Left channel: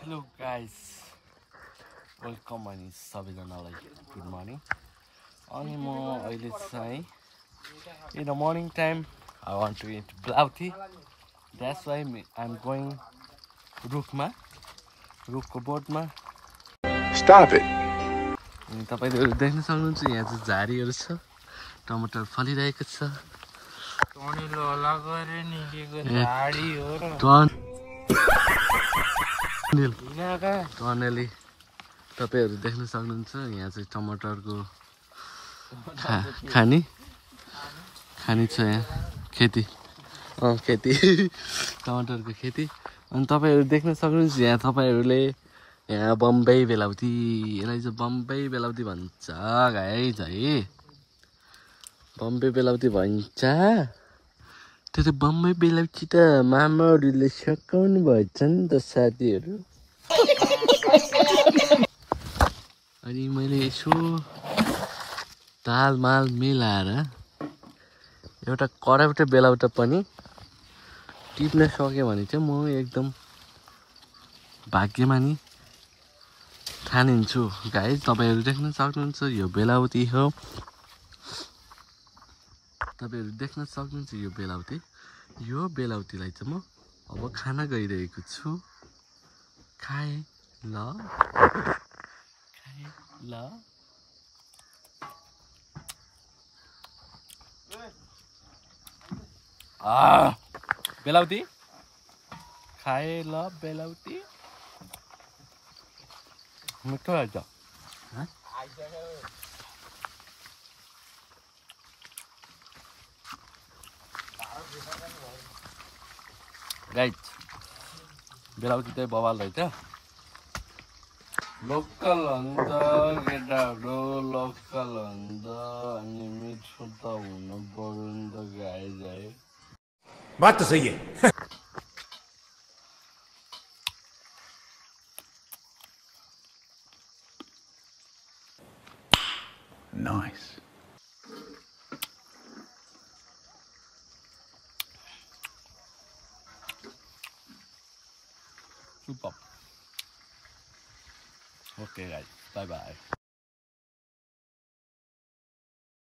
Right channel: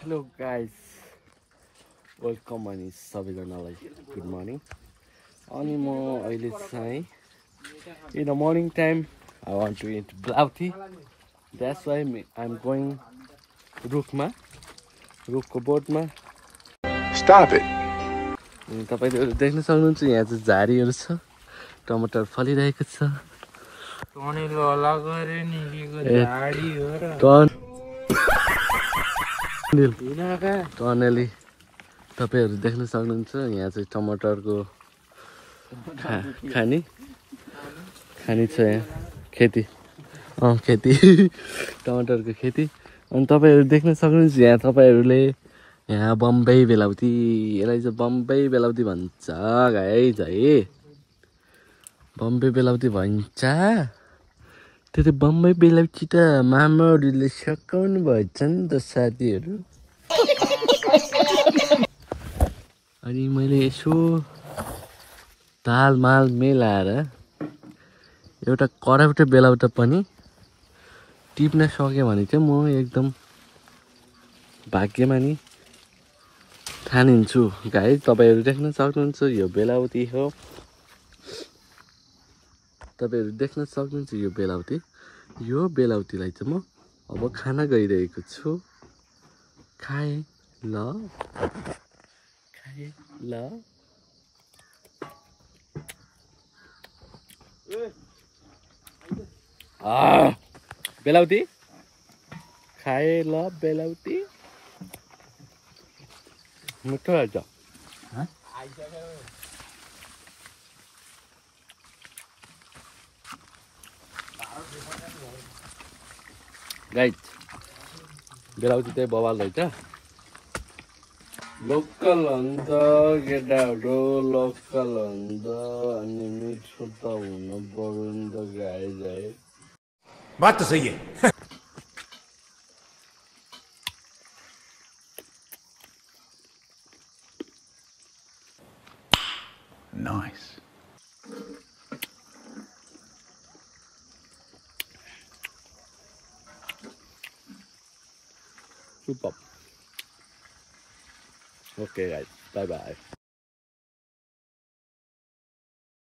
Hello guys, welcome अनि सबैजनालाई good morning. अनि म अहिले चाहिँ in the morning time I want to eat blouti. That's why I'm going रुखको बोटमा। Stop it. अनि तपाईहरु देख्न सक्नुहुन्छ यहाँ चाहिँ झारीहरु छ, टमाटर फलिरहेको छ। टनेली तपाईहरु देख्न सक्नुहुन्छ यहाँ चाहिँ टमाटरको खानी छ, यहाँ खेती टमाटरको खेती। अनि तपाईहरु देख्न सक्नुहुन्छ यहाँ तपाईहरुले यहाँ बम्बई बेलाउती, यसलाई चाहिँ बम्बई बेलाउती भन्छ गाइज है, बम्बई बेलाउती भन्छ। त्यो चाहिँ बम्बई बेलाउती त मामाहरुले सकाउनु भएछ नि त साथीहरु। अनि मैले यसो तालमाल मिलाएर एउटा कराउटे बेलाउटा पनि टिप्न सके भने चाहिँ म एकदम भाग्यमानी ठानिन्छु गाइस। तपाईहरु देख्न सक्नुहुन्छ यो बेलाउती हो, तपाईहरु देख्न सक्नुहुन्छ यो बेलाउती। यो बेलाउतीलाई चाहिँ म अब खान गइरहेको छु। खाए ल बेलाउती खाए ल बेलाउती मिठो रहेछ। गाइस बेलाउती चाहिँ बवाल रहेछ। लोकल हुन्छ केटाहरु, लोकल हुन्छ अनि मिठो त हुनु पर्यो नि त गाइस है। बात तो सही है। Nice. Super. Okay guys, bye bye.